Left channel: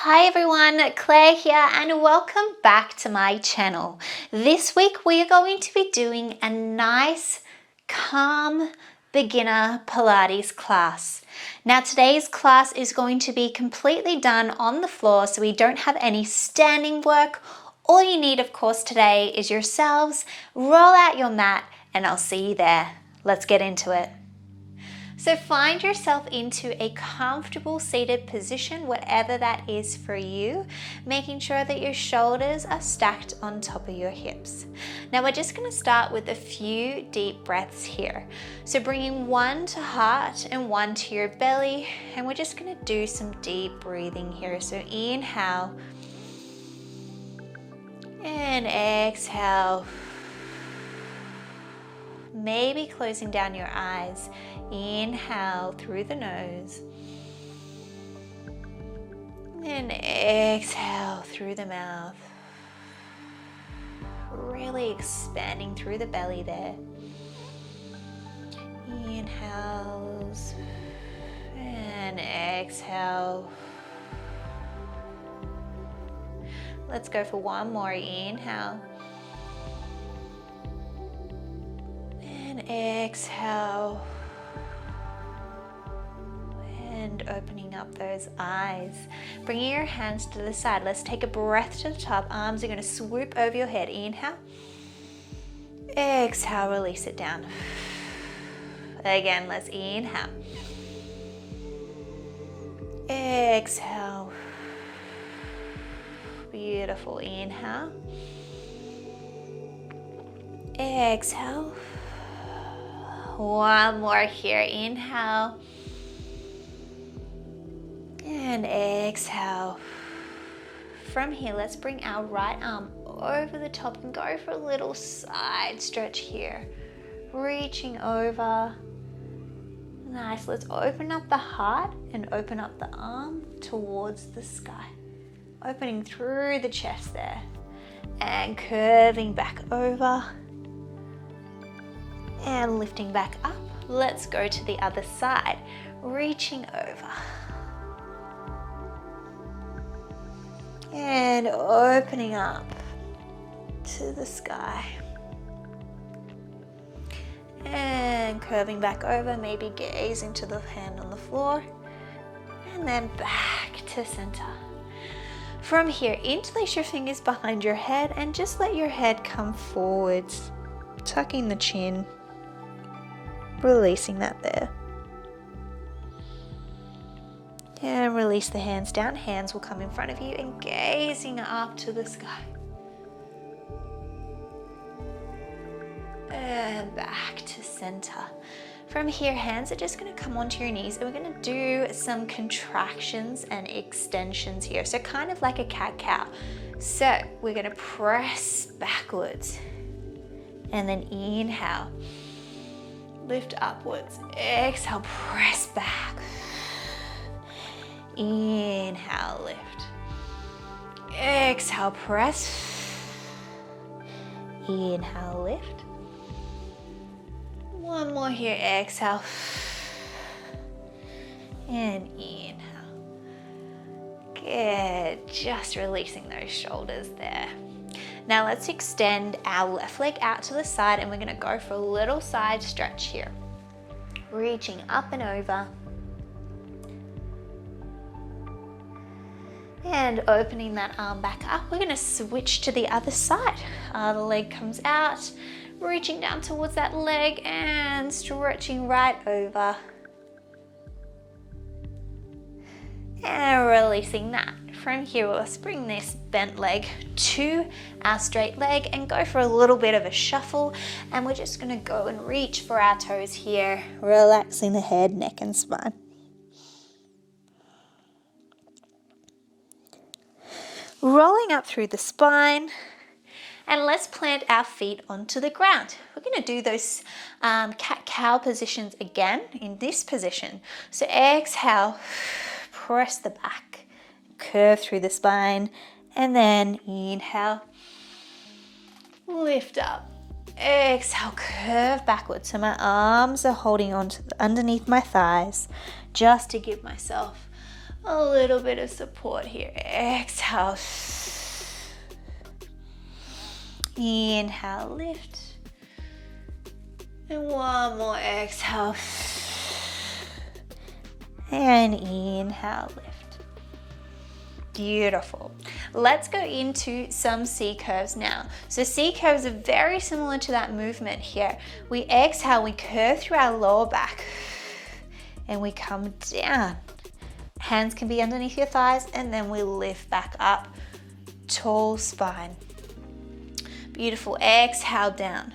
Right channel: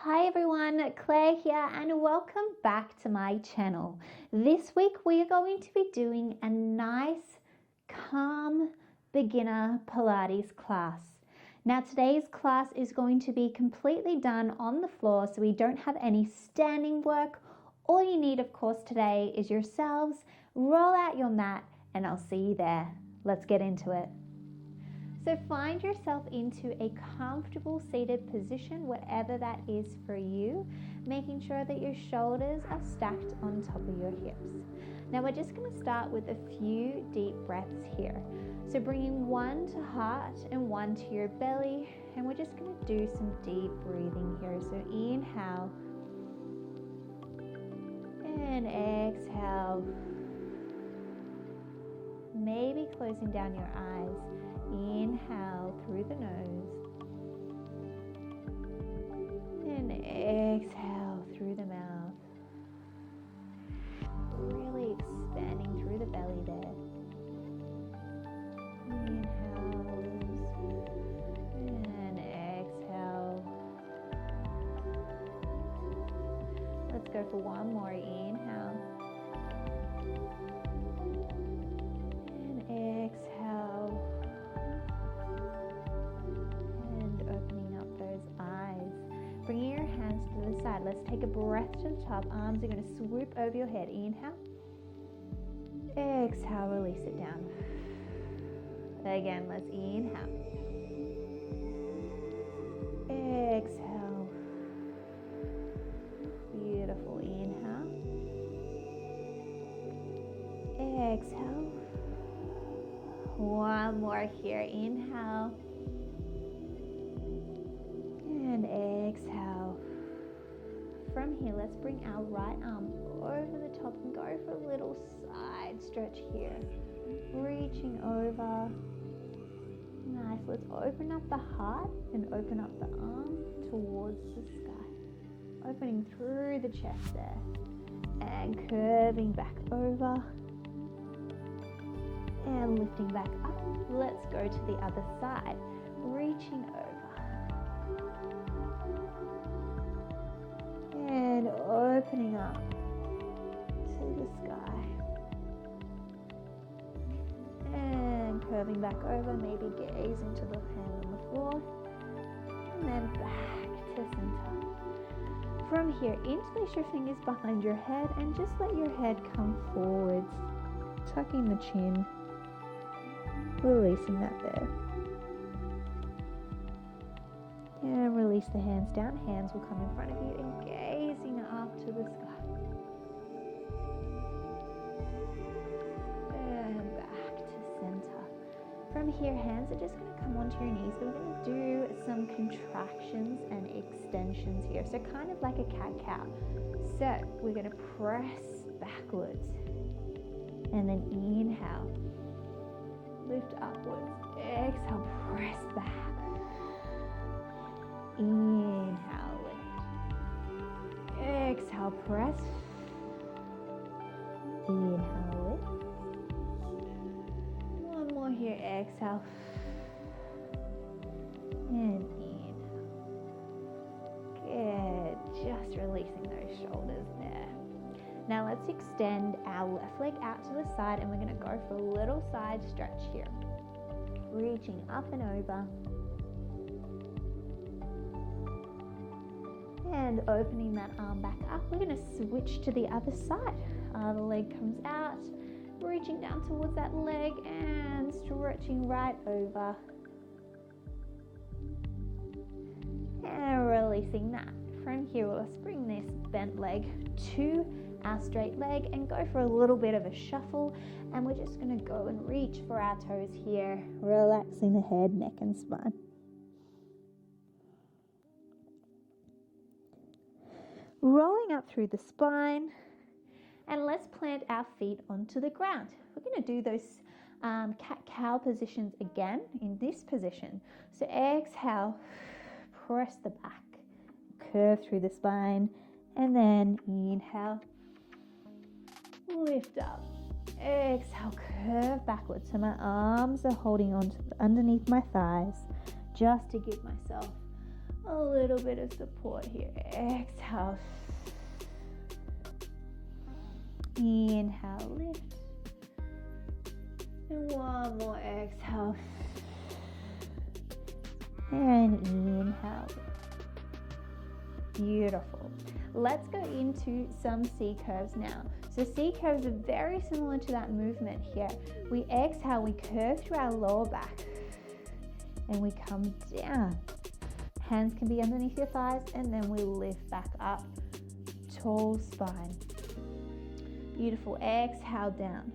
Hi everyone, Claire here and welcome back to my channel. This week we are going to be doing a nice, calm beginner Pilates class. Now today's class is going to be completely done on the floor, so we don't have any standing work. All you need, of course, today is yourselves. Roll out your mat and I'll see you there. Let's get into it. So find yourself into a comfortable seated position, whatever that is for you, making sure that your shoulders are stacked on top of your hips. Now we're just going to start with a few deep breaths here. So bringing one to heart and one to your belly, and we're just going to do some deep breathing here. So inhale and exhale. Maybe closing down your eyes. Inhale through the nose and exhale through the mouth. Really expanding through the belly there. Inhales and exhale. Let's go for one more. Inhale and exhale. Opening up those eyes. Bringing your hands to the side. Let's take a breath to the top. Arms are going to swoop over your head. Inhale. Exhale, release it down. Again, let's inhale. Exhale. Beautiful. Inhale. Exhale. One more here. Inhale. And exhale. From here, let's bring our right arm over the top and go for a little side stretch here. Reaching over. Nice. Let's open up the heart and open up the arm towards the sky. Opening through the chest there. And curving back over. And lifting back up. Let's go to the other side. Reaching over. And opening up to the sky. And curving back over, maybe gazing to the hand on the floor. And then back to center. From here, interlace your fingers behind your head and just let your head come forwards. Tucking the chin. Releasing that there. And release the hands down. Hands will come in front of you and gazing up to the sky. And back to center. From here, hands are just going to come onto your knees and we're going to do some contractions and extensions here. So kind of like a cat-cow. So we're going to press backwards and then inhale. Lift upwards. Exhale, press back. Inhale, lift. Exhale, press. Inhale, lift. One more here, exhale. And inhale. Good, just releasing those shoulders there. Now let's extend our left leg out to the side and we're gonna go for a little side stretch here. Reaching up and over. And opening that arm back up, we're going to switch to the other side. The leg comes out, reaching down towards that leg and stretching right over. And releasing that. From here, let's bring this bent leg to our straight leg and go for a little bit of a shuffle. And we're just going to go and reach for our toes here, relaxing the head, neck and spine. Rolling up through the spine, and let's plant our feet onto the ground. We're going to do those cat-cow positions again in this position. So exhale, press the back, curve through the spine, and then inhale, lift up. Exhale, curve backwards. So my arms are holding on to underneath my thighs just to give myself A little bit of support here. Exhale. Inhale, lift. And one more exhale. And inhale, lift. Beautiful. Let's go into some C curves now. So C curves are very similar to that movement here. We exhale, we curve through our lower back and we come down. Hands can be underneath your thighs and then we lift back up. Tall spine. Beautiful. Exhale down.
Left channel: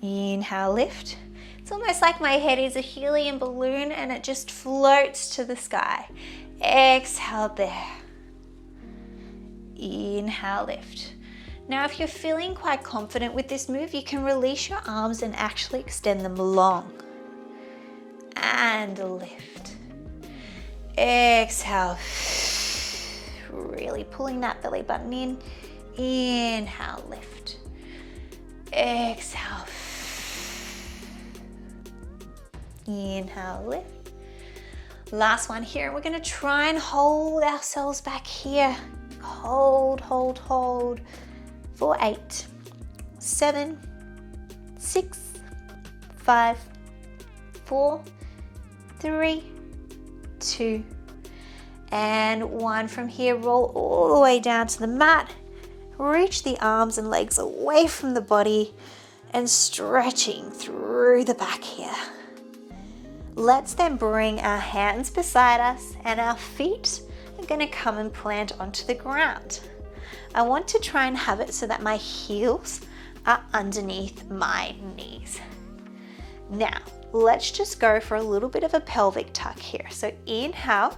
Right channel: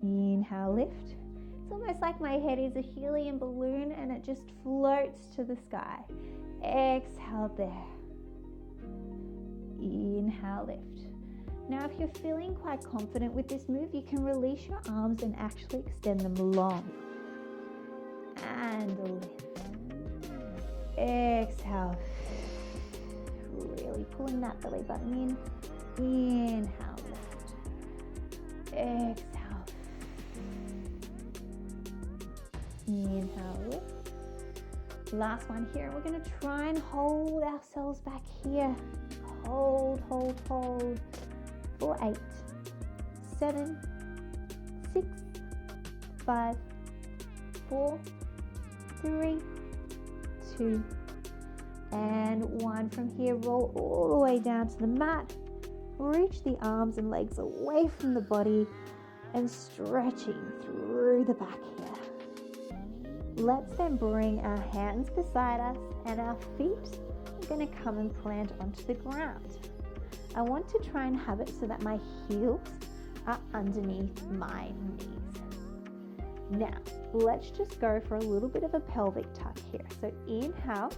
Inhale, lift. It's almost like my head is a helium balloon and it just floats to the sky. Exhale there. Inhale, lift. Now, if you're feeling quite confident with this move, you can release your arms and actually extend them long. And lift. Exhale. Really pulling that belly button in. Inhale, lift. Exhale. Inhale, lift. Last one here. We're going to try and hold ourselves back here. Hold, hold, hold. For 8, 7, 6, 5, 4, 3, 2, and 1. From here, roll all the way down to the mat. Reach the arms and legs away from the body and stretching through the back here. Let's then bring our hands beside us and our feet are going to come and plant onto the ground. I want to try and have it so that my heels are underneath my knees. Now, let's just go for a little bit of a pelvic tuck here. So inhale,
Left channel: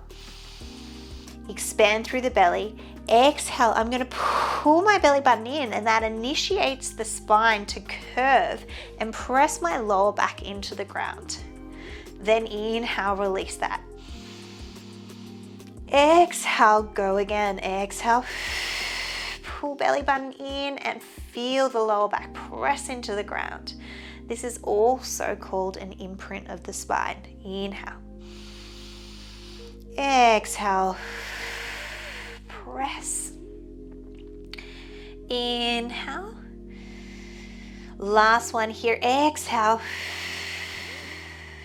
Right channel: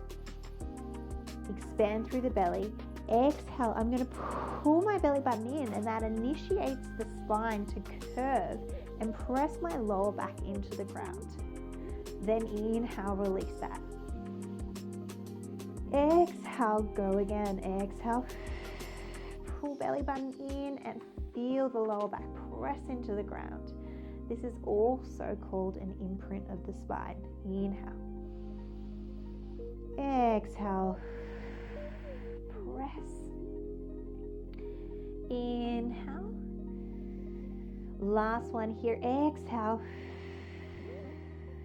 expand through the belly. Exhale, I'm going to pull my belly button in and that initiates the spine to curve and press my lower back into the ground. Then inhale, release that. Exhale, go again. Exhale, pull belly button in and feel the lower back press into the ground. This is also called an imprint of the spine. Inhale. Exhale. Press. Inhale. Last one here. Exhale.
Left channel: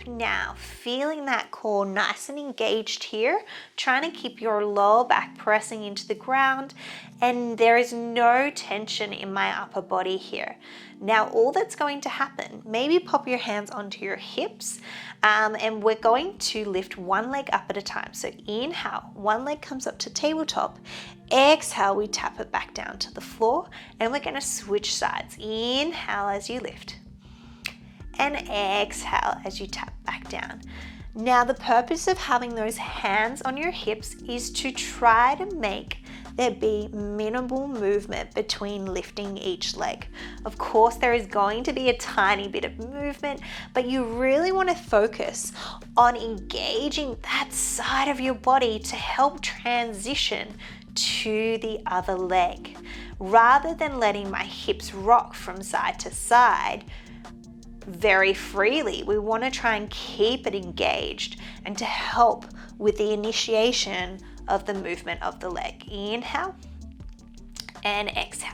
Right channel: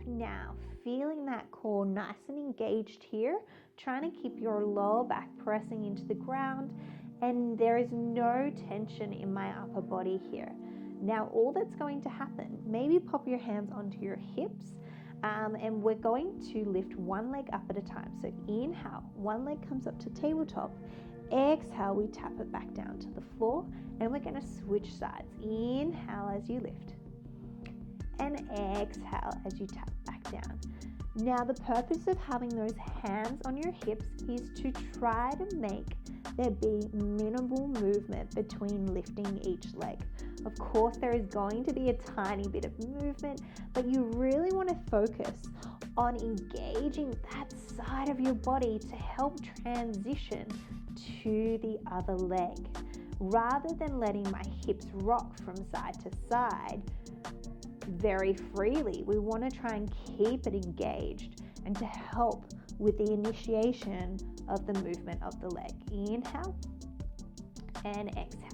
Now, feeling that core nice and engaged here, trying to keep your lower back pressing into the ground, and there is no tension in my upper body here. Now, all that's going to happen, maybe pop your hands onto your hips, and we're going to lift one leg up at a time. So inhale, one leg comes up to tabletop. Exhale, we tap it back down to the floor, and we're going to switch sides. Inhale as you lift. And exhale as you tap back down. Now, the purpose of having those hands on your hips is to try to make there be minimal movement between lifting each leg. Of course, there is going to be a tiny bit of movement, but you really want to focus on engaging that side of your body to help transition to the other leg. Rather than letting my hips rock from side to side, very freely. We want to try and keep it engaged and to help with the initiation of the movement of the leg. Inhale and exhale.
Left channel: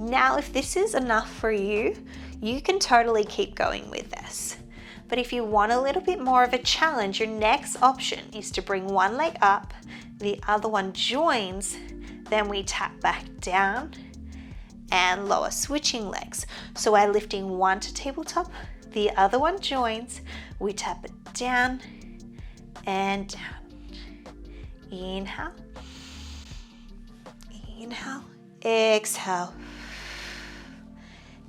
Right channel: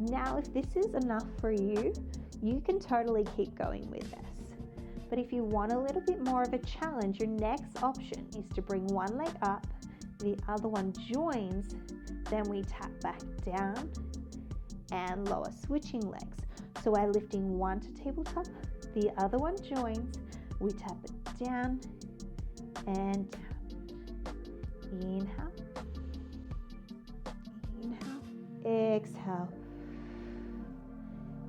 Now, if this is enough for you, you can totally keep going with this. But if you want a little bit more of a challenge, your next option is to bring one leg up, the other one joins, then we tap back down and lower, switching legs. So we're lifting one to tabletop, the other one joins, we tap it down and down. Inhale, inhale, exhale.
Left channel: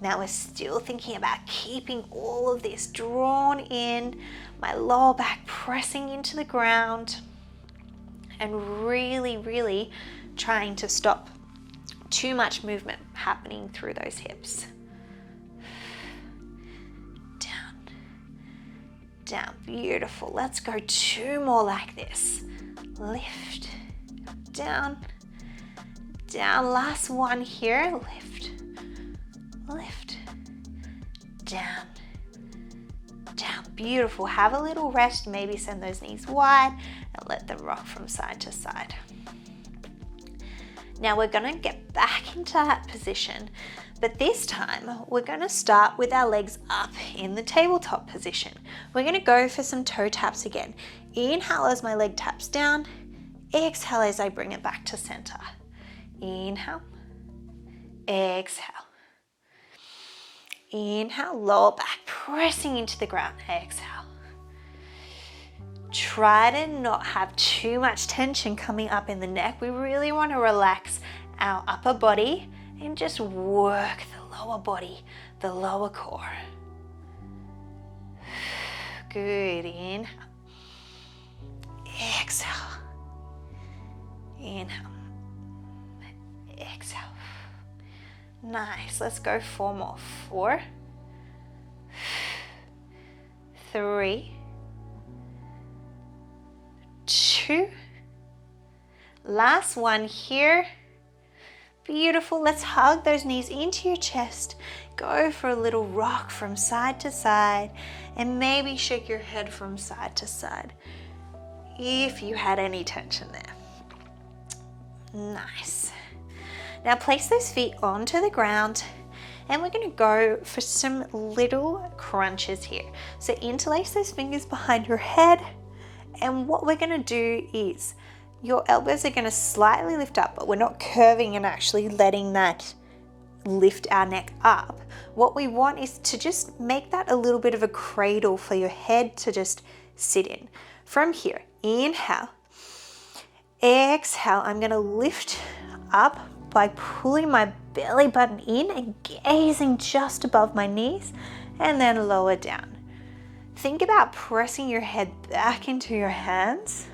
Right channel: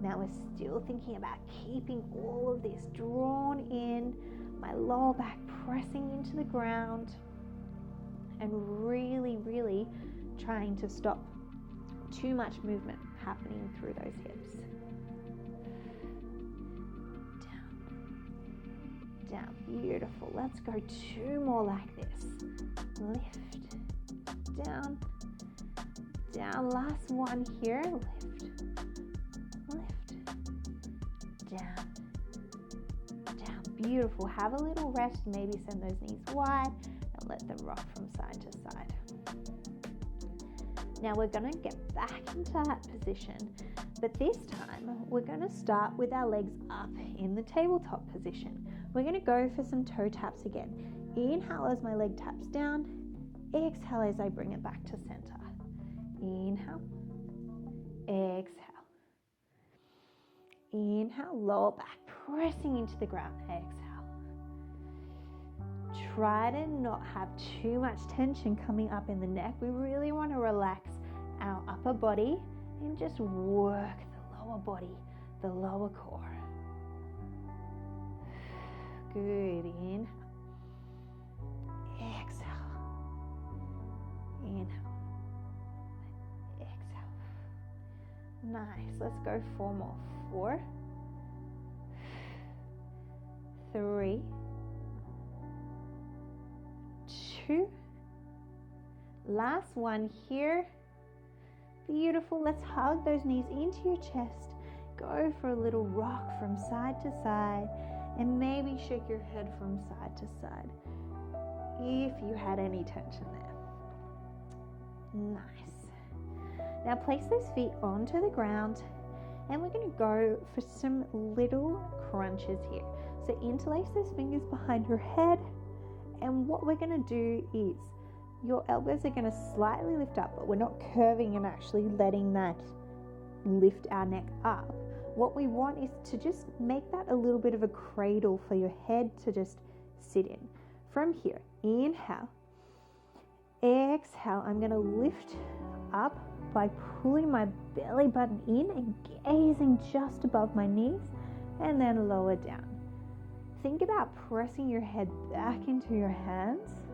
Now we're still thinking about keeping all of this drawn in, my lower back pressing into the ground, and really, really trying to stop too much movement happening through those hips. Down, down, beautiful. Let's go 2 more like this. Lift, down, down. Last one here. Lift, lift, down, down. Beautiful. Have a little rest. Maybe send those knees wide and let them rock from side to side. Now we're going to get back into that position, but this time we're going to start with our legs up in the tabletop position. We're going to go for some toe taps again. Inhale as my leg taps down. Exhale as I bring it back to center. Inhale. Exhale. Inhale, lower back, pressing into the ground. Exhale. Try to not have too much tension coming up in the neck. We really want to relax our upper body and just work the lower body, the lower core. Good. Inhale. Exhale. Inhale. Exhale. Nice. Let's go 4 more. 4, 3, 2. Last one here. Beautiful. Let's hug those knees into your chest. Go for a little rock from side to side and maybe shake your head from side to side if you had any tension there. Nice. Now place those feet onto the ground and we're going to go for some little crunches here. So interlace those fingers behind your head, and what we're going to do is your elbows are going to slightly lift up, but we're not curving and actually letting that lift our neck up. What we want is to just make that a little bit of a cradle for your head to just sit in. From here, inhale, exhale, I'm going to lift up by pulling my belly button in and gazing just above my knees, and then lower down. Think about pressing your head back into your hands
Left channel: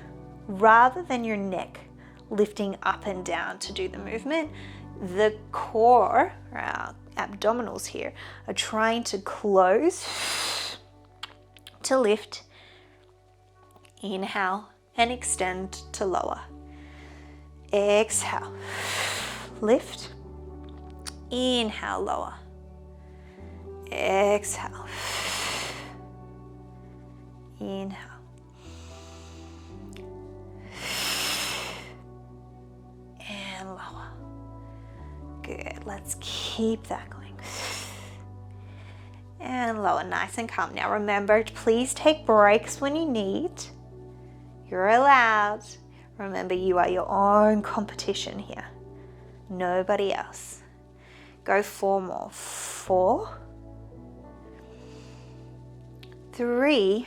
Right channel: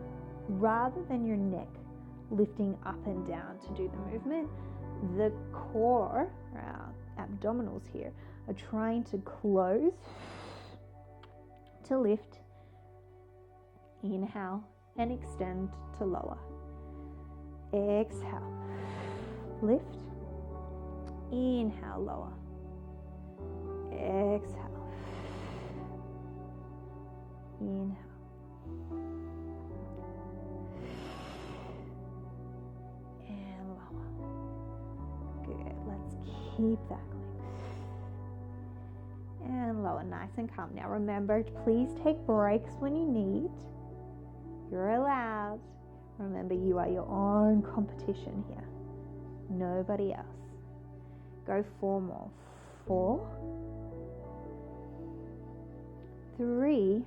rather than your neck lifting up and down to do the movement. The core, or our abdominals here, are trying to close to lift. Inhale and extend to lower. Exhale. Lift. Inhale, lower. Exhale. Inhale. And lower. Good. Let's keep that going. And lower, nice and calm. Now remember, please take breaks when you need. You're allowed. Remember, you are your own competition here. Nobody else. Go 4 more. 4, 3,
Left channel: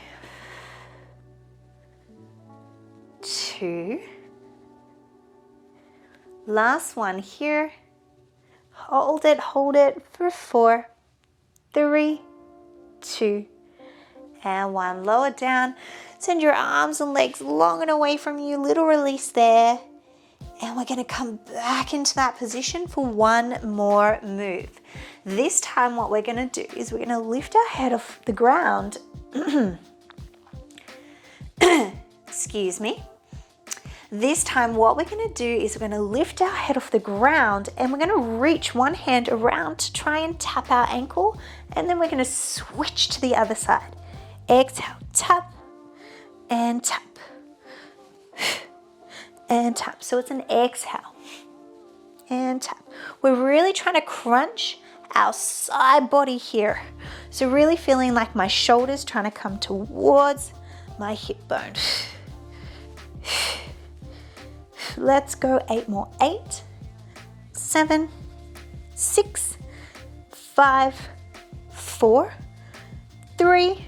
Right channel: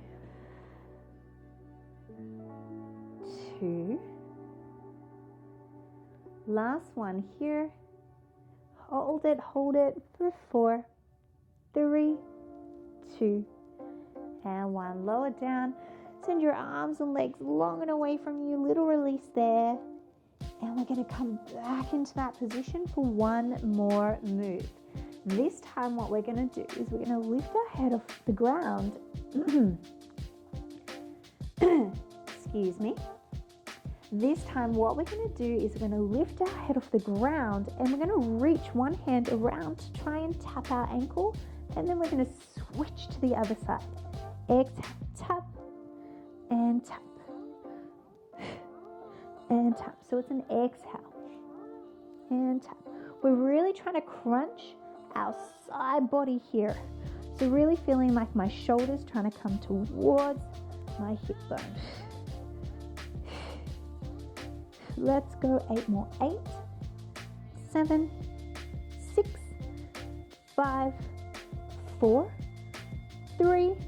2. Last one here. Hold it for 4, 3, 2, and 1. Lower down. Send your arms and legs long and away from you. Little release there. And we're going to come back into that position for 1 more move. This time what we're going to do is we're going to lift our head off the ground. Excuse me. This time what we're going to do is we're going to lift our head off the ground and we're going to reach one hand around to try and tap our ankle, and then we're going to switch to the other side. Exhale, tap and tap. And tap. So it's an exhale and tap. We're really trying to crunch our side body here. So really feeling like my shoulders trying to come towards my hip bone. Let's go 8 more. 8, 7, 6, 5, 4, 3,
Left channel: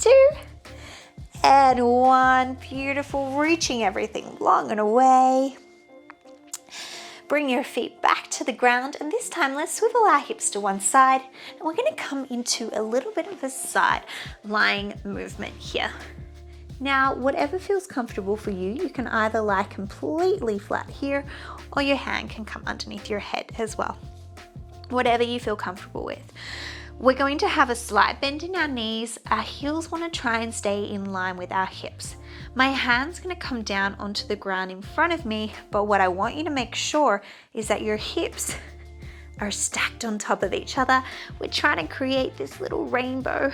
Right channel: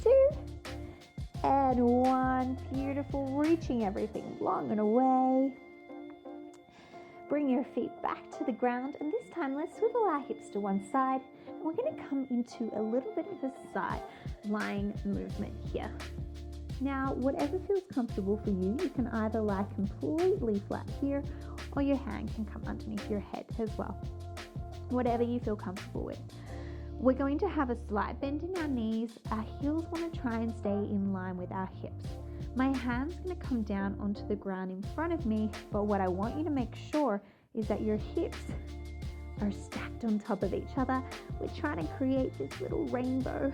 2, and 1. Beautiful. Reaching everything long and away. Bring your feet back to the ground, and this time let's swivel our hips to one side, and we're going to come into a little bit of a side lying movement here. Now, whatever feels comfortable for you, you can either lie completely flat here, or your hand can come underneath your head as well. Whatever you feel comfortable with. We're going to have a slight bend in our knees. Our heels want to try and stay in line with our hips. My hand's going to come down onto the ground in front of me, but what I want you to make sure is that your hips are stacked on top of each other. We're trying to create this little rainbow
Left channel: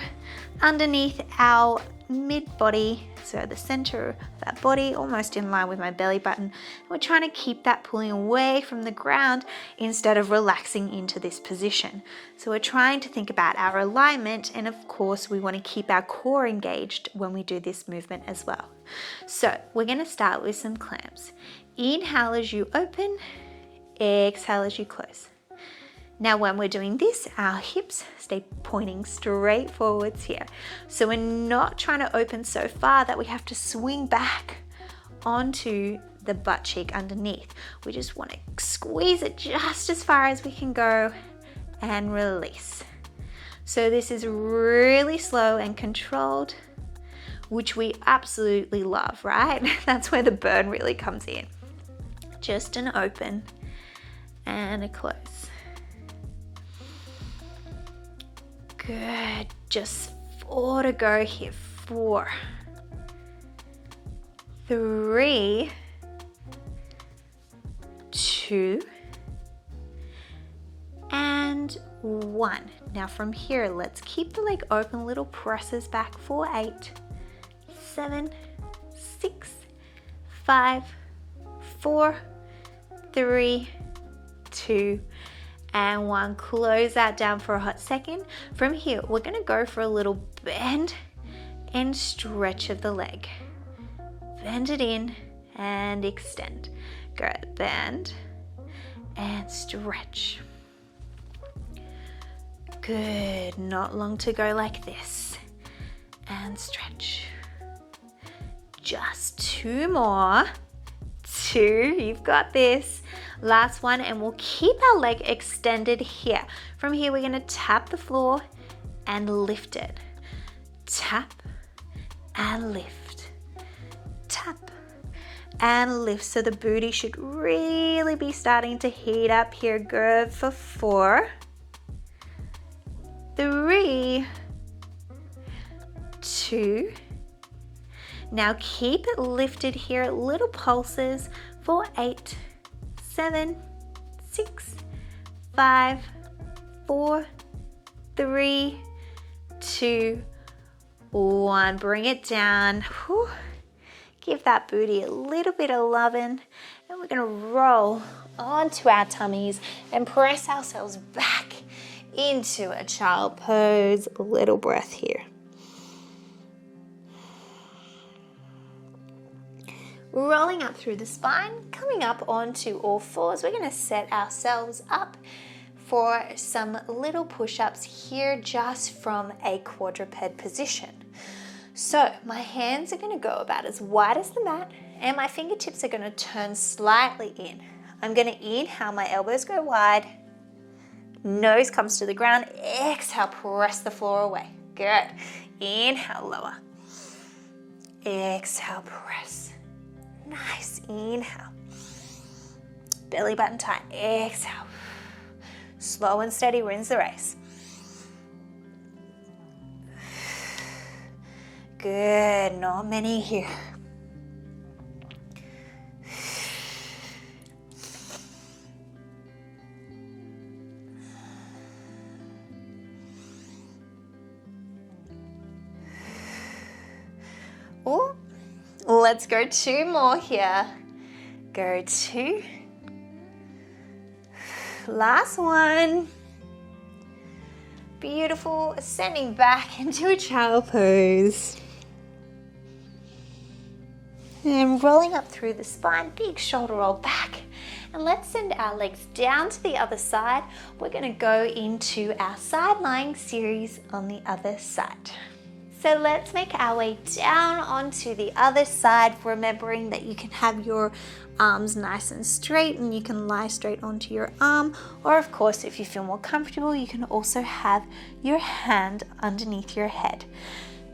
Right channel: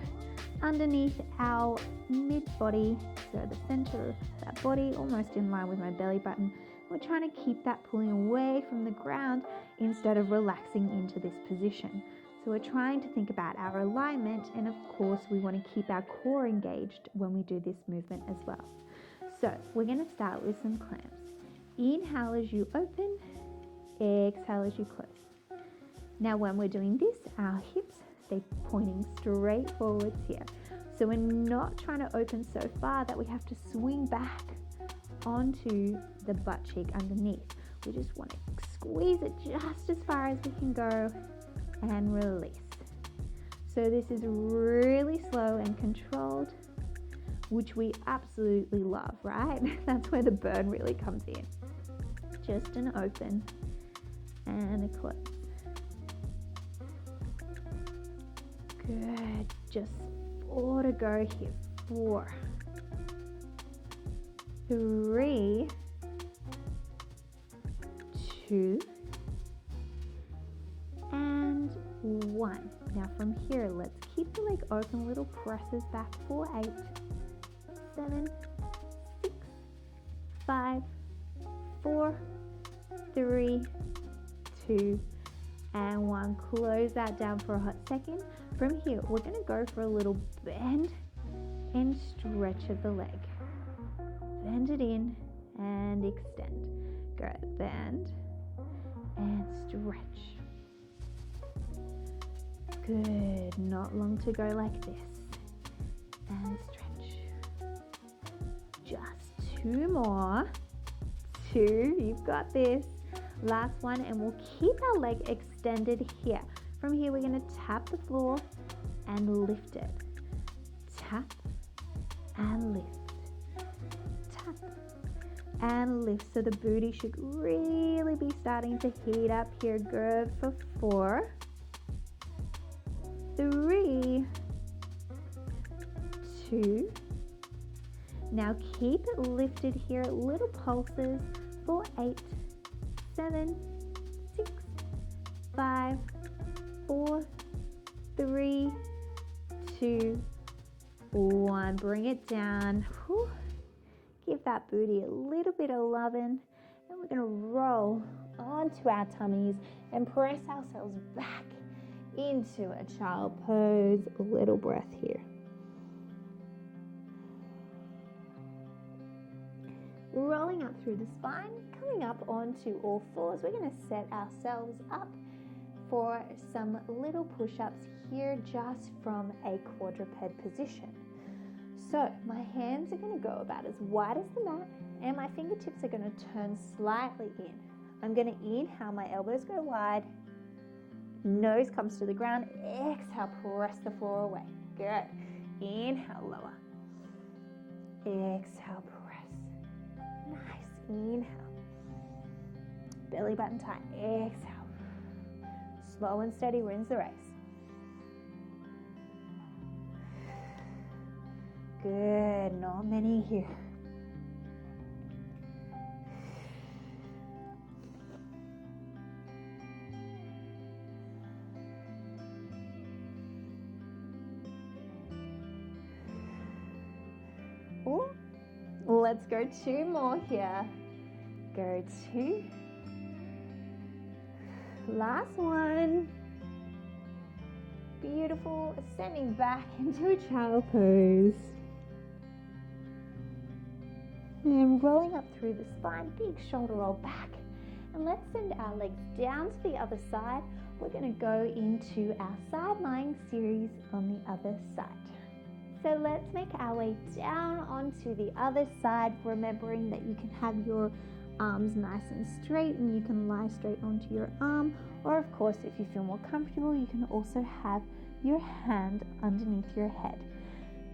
underneath our mid body, so the center of that body, almost in line with my belly button. We're trying to keep that pulling away from the ground instead of relaxing into this position. So we're trying to think about our alignment, and of course we want to keep our core engaged when we do this movement as well. So we're going to start with some clamps. Inhale as you open, exhale as you close. Now when we're doing this, our hips stay pointing straight forwards here. So we're not trying to open so far that we have to swing back onto the butt cheek underneath. We just want to squeeze it just as far as we can go and release. So this is really slow and controlled, which we absolutely love, right? That's where the burn really comes in. Just an open and a close. Good, just 4 to go here. 4, 3, 2, and 1. Now from here, let's keep the leg open, little presses back for 8, 7, 6, 5, 4, 3, 2, and 1. Close that down for a hot second. From here, we're going to go for a little bend and stretch of the leg. Bend it in and extend. Good. Bend and stretch. Good. Not long to go like this. And stretch. Just 2 more. 2. You've got this. Last one, and we'll keep our leg extended here. From here, we're going to tap the floor and lift it. Tap and lift. Tap and lift. So the booty should really be starting to heat up here. Good for 4, 3, 2. Now keep it lifted here. Little pulses for 8, 7, 6, 5, 4, 3, 2, 1. Bring it down. Whew. Give that booty a little bit of loving, and we're going to roll onto our tummies and press ourselves back into a child pose. A little breath here. Rolling up through the spine, coming up onto all fours. We're going to set ourselves up for some little push-ups here just from a quadruped position. So my hands are going to go about as wide as the mat, and my fingertips are going to turn slightly in. I'm going to inhale, my elbows go wide, nose comes to the ground, exhale, press the floor away. Good. Inhale, lower. Exhale, press. Nice. Inhale. Belly button tight. Exhale. Slow and steady wins the race. Good. Not many here. Oh. Let's go 2 more here. Go 2. Last one. Beautiful. Ascending back into a child pose. And rolling up through the spine, big shoulder roll back. And let's send our legs down to the other side. We're going to go into our side lying series on the other side. So let's make our way down onto the other side, remembering that you can have your arms nice and straight and you can lie straight onto your arm, or of course if you feel more comfortable you can also have your hand underneath your head.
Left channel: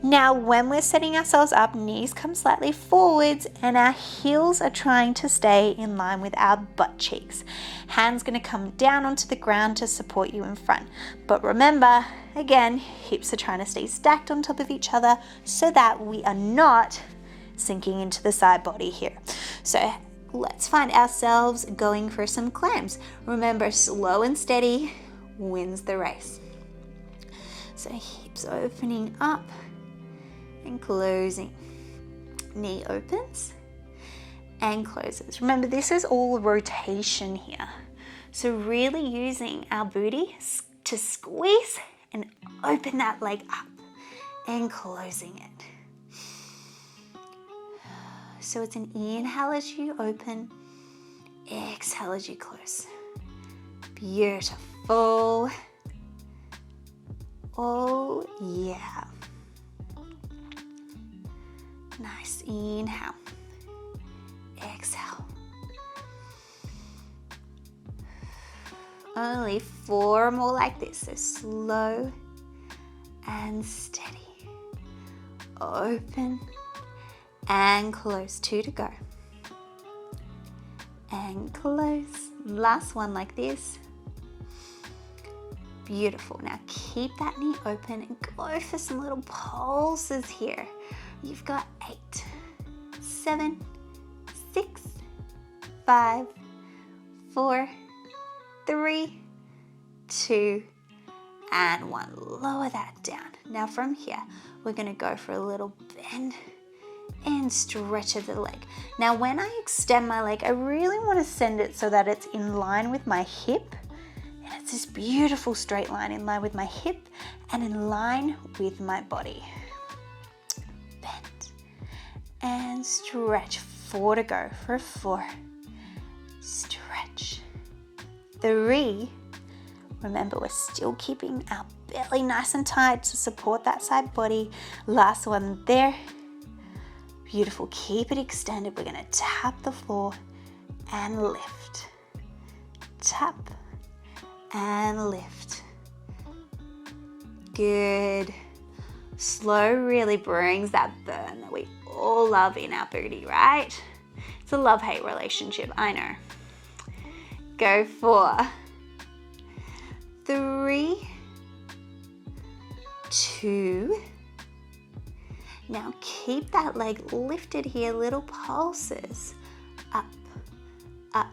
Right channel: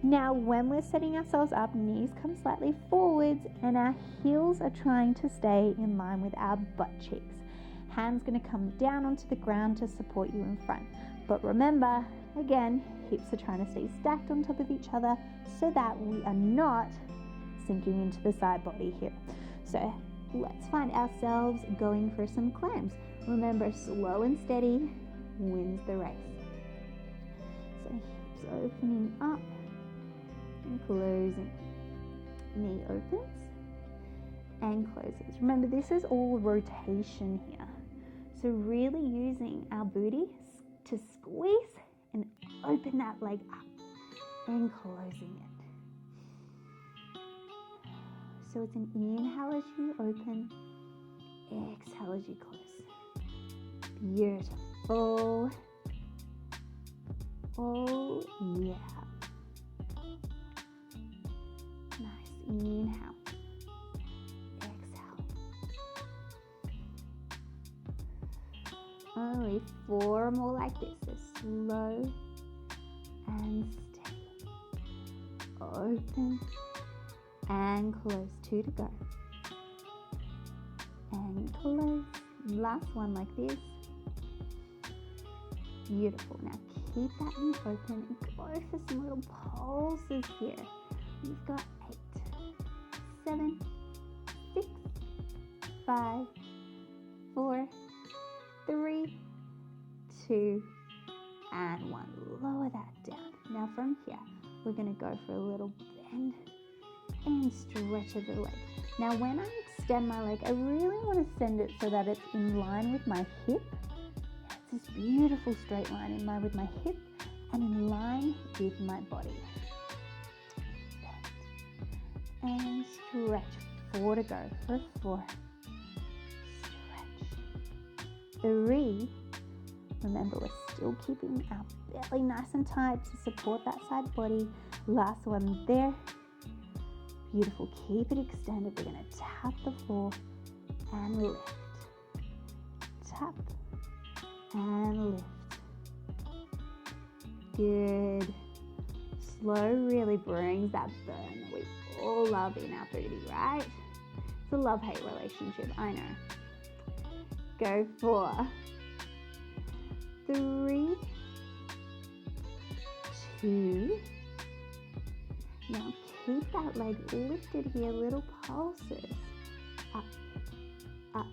Now when we're setting ourselves up, knees come slightly forwards and our heels are trying to stay in line with our butt cheeks. Hands going to come down onto the ground to support you in front, but remember, again, hips are trying to stay stacked on top of each other so that we are not sinking into the side body here. So let's find ourselves going for some clams. Remember, slow and steady wins the race. So hips opening up and closing. Knee opens and closes. Remember, this is all rotation here. So really using our booty to squeeze and open that leg up and closing it. So it's an inhale as you open, exhale as you close. Beautiful. Oh yeah. Nice. Inhale. Exhale. Only 4 more like this. So slow and steady. Open and close. 2 to go. And close. Last one like this. Beautiful. Now keep that knee open and go for some little pulses here. You've got 8, 7, 6, 5, 4, 3, 2, and 1. Lower that down. Now from here, we're going to go for a little bend and stretch of the leg. Now when I extend my leg, I really want to send it so that it's in line with my hip. And it's this beautiful straight line in line with my hip and in line with my body. Bend and stretch. 4 to go for 4. Stretch. 3. Remember, we're still keeping our belly nice and tight to support that side body. Last one there. Beautiful. Keep it extended. We're going to tap the floor and lift. Tap and lift. Good. Slow really brings that burn that we all love in our booty, right? It's a love-hate relationship, I know. Go 4, 3, 2. Now keep that leg lifted here, little pulses. Up, up,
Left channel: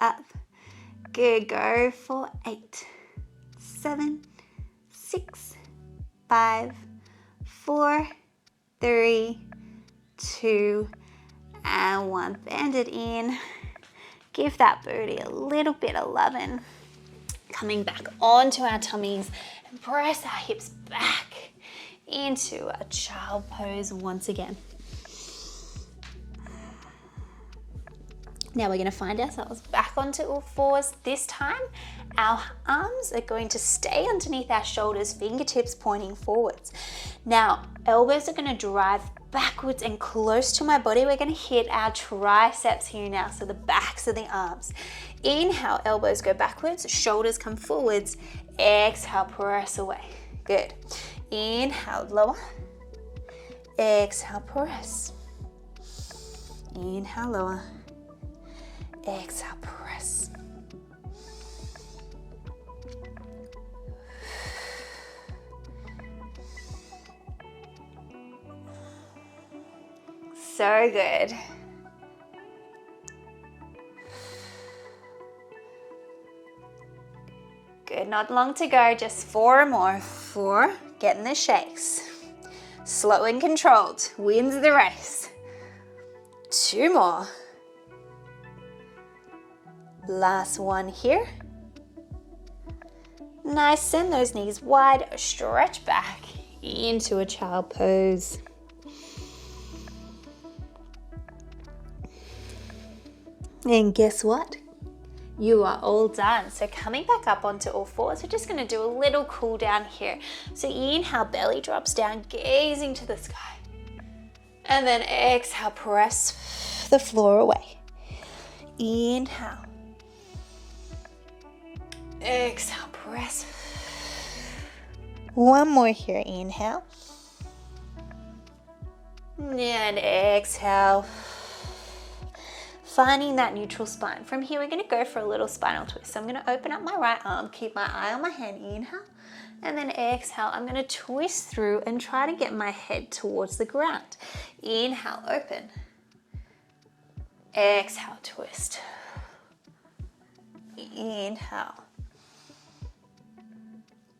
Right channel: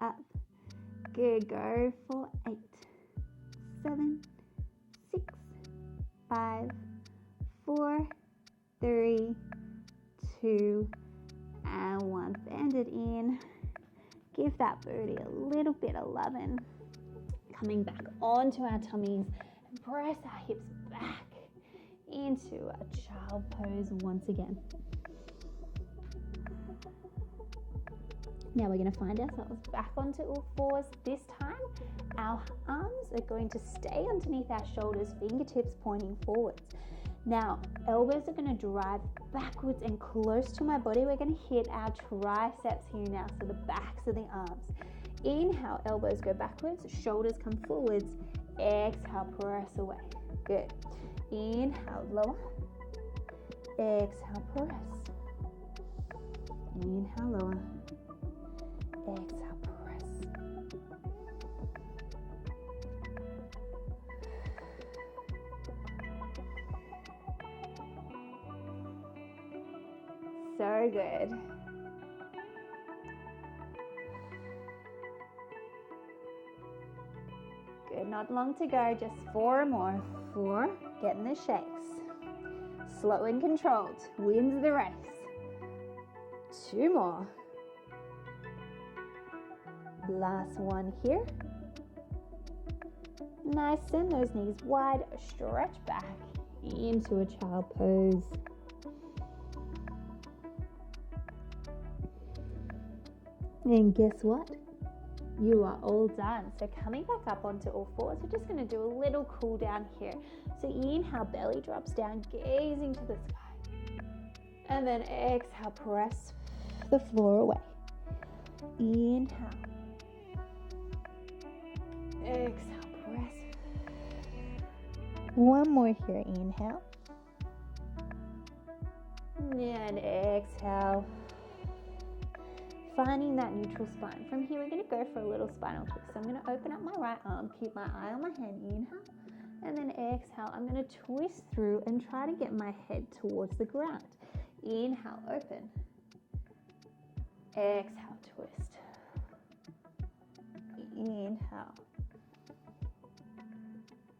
up. Good, go for 8, 7, 6, 5, 4, 3, 2, and 1. Bend it in. Give that booty a little bit of loving. Coming back onto our tummies and press our hips back into a child pose once again. Now we're going to find ourselves back onto all fours. This time, our arms are going to stay underneath our shoulders, fingertips pointing forwards. Now, elbows are going to drive backwards and close to my body. We're going to hit our triceps here now, so the backs of the arms. Inhale, elbows go backwards, shoulders come forwards. Exhale, press away. Good. Inhale, lower. Exhale, press. Inhale, lower. Exhale, press. So good. Good, not long to go, just 4 more. 4, getting the shakes. Slow and controlled, wins the race. 2 more. Last one here. Nice, send those knees wide, stretch back into a child pose. And guess what? You are all done. So coming back up onto all fours, we're just going to do a little cool down here. So inhale, belly drops down, gazing to the sky. And then exhale, press the floor away. Inhale. Exhale, press. One more here, inhale. And exhale. Finding that neutral spine. From here, we're going to go for a little spinal twist. So I'm going to open up my right arm, keep my eye on my hand, inhale, and then exhale. I'm going to twist through and try to get my head towards the ground. Inhale, open. Exhale, twist. Inhale.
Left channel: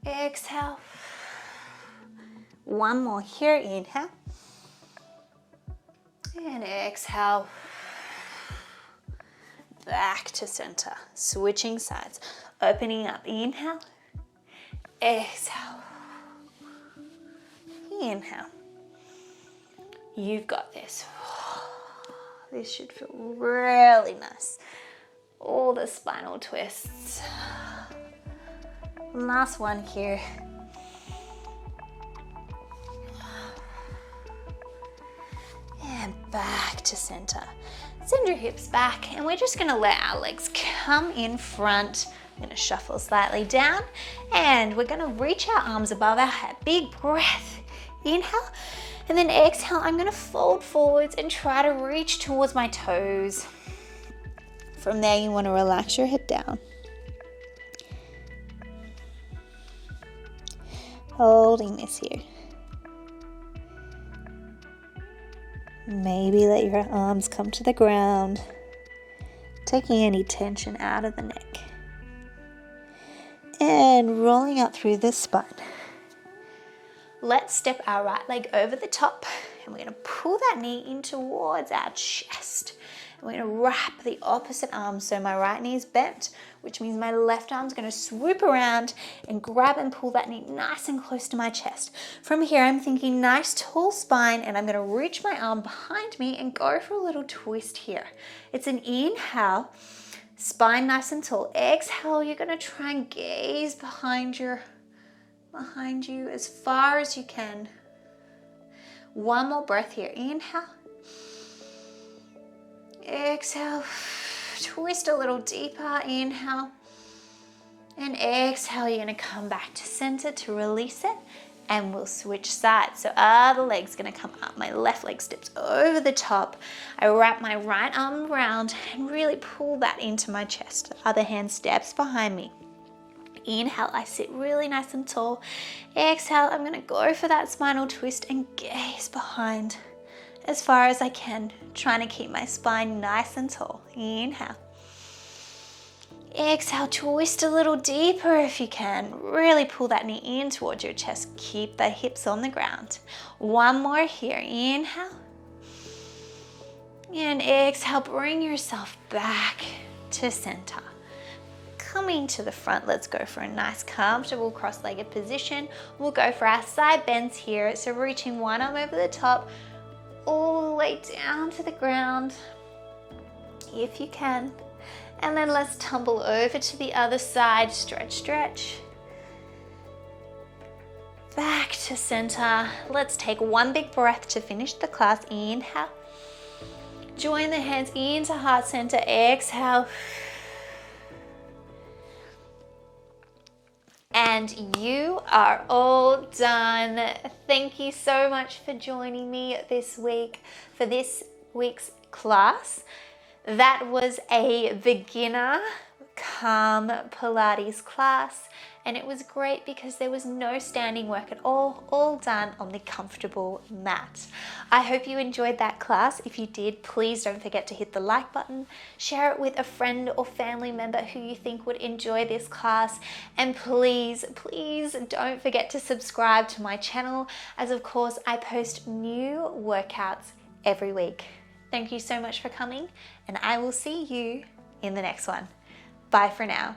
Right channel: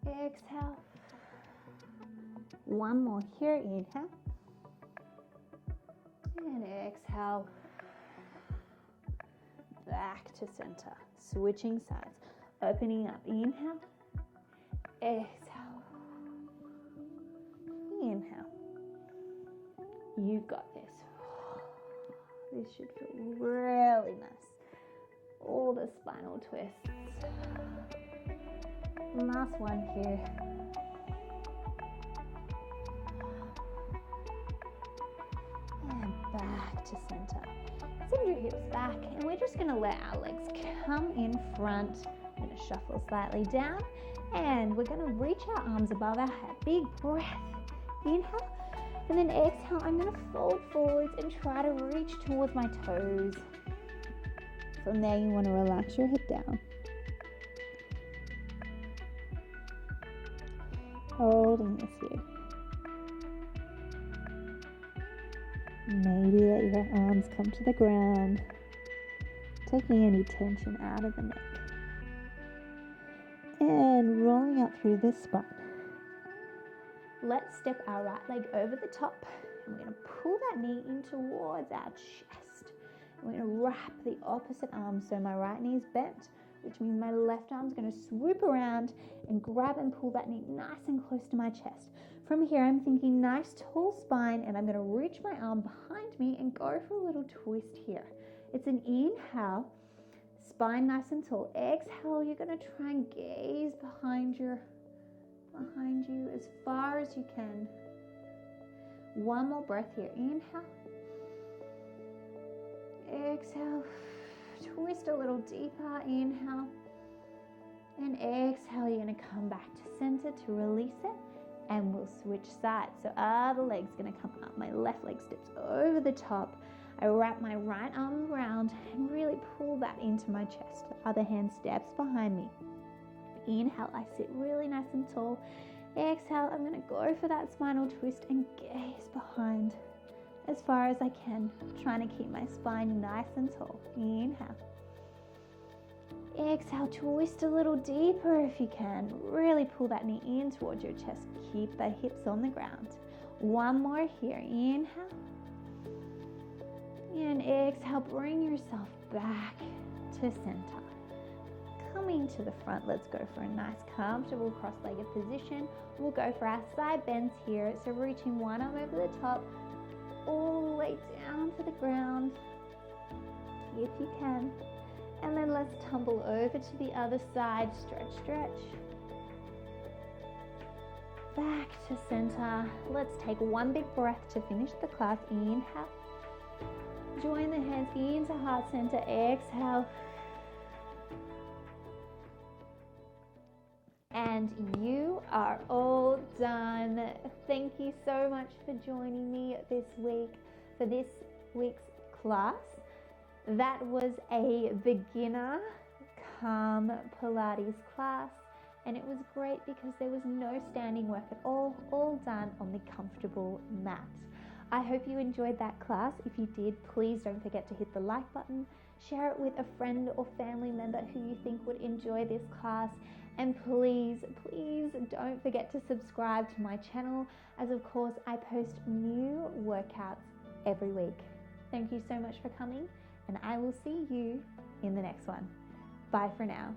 Exhale. One more here, inhale. And exhale. Back to center. Switching sides. Opening up, inhale. Exhale. Inhale. You've got this. This should feel really nice. All the spinal twists. Last one here. And back to center. Send your hips back, and we're just gonna let our legs come in front. I'm gonna shuffle slightly down, and we're gonna reach our arms above our head. Big breath. Inhale, and then exhale. I'm gonna fold forwards and try to reach towards my toes. From there, you wanna relax your head down. Holding this here. Maybe let your arms come to the ground, taking any tension out of the neck. And rolling up through the spine. Let's step our right leg over the top, and we're gonna pull that knee in towards our chest. And we're gonna wrap the opposite arm, so my right knee is bent, which means my left arm's gonna swoop around and grab and pull that knee nice and close to my chest. From here, I'm thinking nice tall spine, and I'm gonna reach my arm behind me and go for a little twist here. It's an inhale, spine nice and tall. Exhale, you're gonna try and gaze behind you as far as you can. One more breath here. Inhale. Exhale. Twist a little deeper. Inhale. And exhale, you're gonna come back to center to release it, and we'll switch sides. So other leg's gonna come up. My left leg steps over the top. I wrap my right arm around and really pull that into my chest. The other hand steps behind me. Inhale, I sit really nice and tall. Exhale, I'm gonna go for that spinal twist and gaze behind as far as I can, trying to keep my spine nice and tall. Inhale. Exhale, twist a little deeper if you can. Really pull that knee in towards your chest. Keep the hips on the ground. One more here. Inhale. And exhale, bring yourself back to center. Coming to the front, let's go for a nice comfortable cross-legged position. We'll go for our side bends here. So reaching one arm over the top, all the way down to the ground, if you can. And then let's tumble over to the other side. Stretch, stretch. Back to center. Let's take one big breath to finish the class. Inhale. Join the hands into heart center. Exhale. And you are all done. Thank you so much for joining me this week for this week's class. That was a beginner calm Pilates class, and it was great because there was no standing work at all done on the comfortable mat. I hope you enjoyed that class. If you did, please don't forget to hit the like button, share it with a friend or family member who you think would enjoy this class, and please don't forget to subscribe to my channel, as of course I post new workouts every week. Thank you so much for coming, and I will see you in the next one. Bye for now.